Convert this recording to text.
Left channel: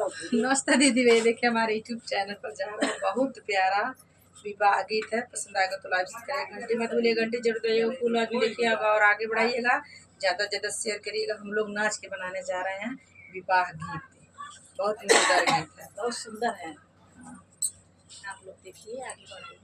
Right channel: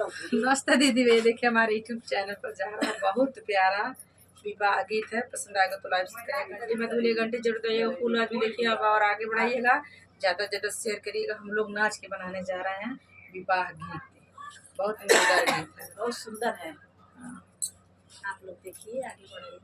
नमस्ते दीदी, वे देखिए हमारे यूट्यूब चैनल पर जा रहा है बहुत प्यारा विवाह गीत है। पसंद आएगा तो लाइक करिएगा, घंटी में बोलिए घंटी जरूर दइएगा, फूल आज भी देखिए अब और आगे बढ़ाइएगा, ज़्यादा से ज़्यादा शेयर करिएगा। हम लोग नाच के बनाने जा रहे हैं विवाह गीत, बहुत मजेदार गीत है, बहुत सुंदर है। हाँ, आप लोग देखिए, आगे बढ़ाइए।